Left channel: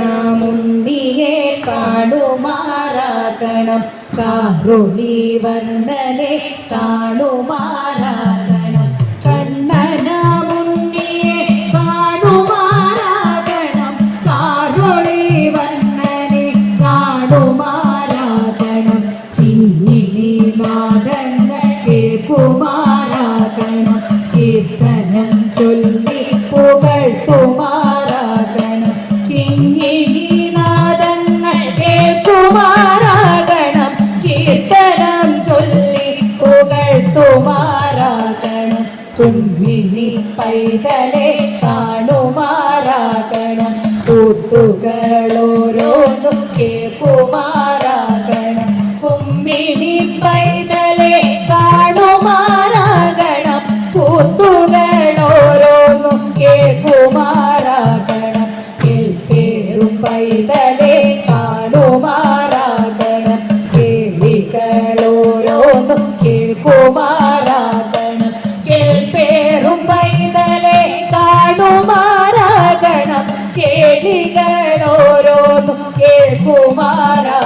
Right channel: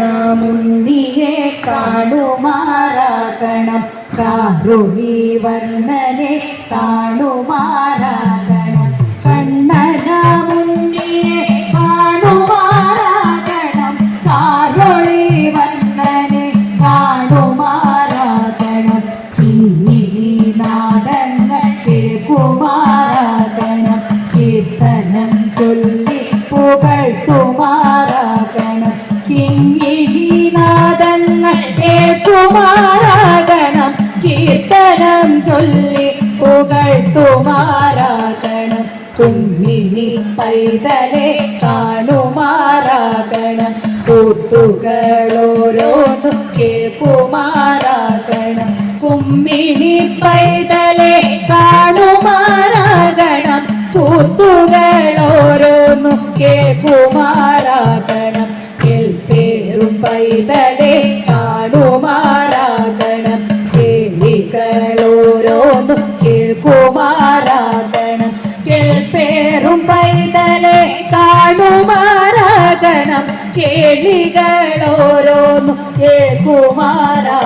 കണ്ണനാമുണ്ണിയെ കാണുമാറാകണം കാരുണി വർണ്ണനെ കാണുമാറാകണം കണ്ണനാമുണ്ണിയെ കാണുമാറാകണം കാരുണി വർണ്ണനെ കാണുമാറാകണം കിങ്ങിണി നാദങ്ങൾ കേൾക്കുമാറാകണം കീർത്തനം ചൊല്ലി പുകഴ്ത്തുമാറാകണം കിങ്ങിണിനാദങ്ങൾ കേൾക്കുമാറാകണം കീർത്തനം ചൊല്ലി പുകഴ്ത്തുമാറാകണം കുഞ്ഞിനി പൈതലെ കാണുമാറാകണം കൂത്തുകളോരോന്നും കേൾക്കുമാറാകണം കുമ്മിണി പൈതലെ കാണുമാറാകണം കൂത്തുകളോരോന്നും കേൾക്കുമാറാകണം കേൾപ്പേറും പൈതലെ കാണുമാറാകണം കേളികളോരോന്നും കേൾക്കുമാറാകണം കേൾപ്പേറും പൈതലെ കാണുമാറാകണം കേളികളോരോന്നും കേൾക്കുമാറാകണം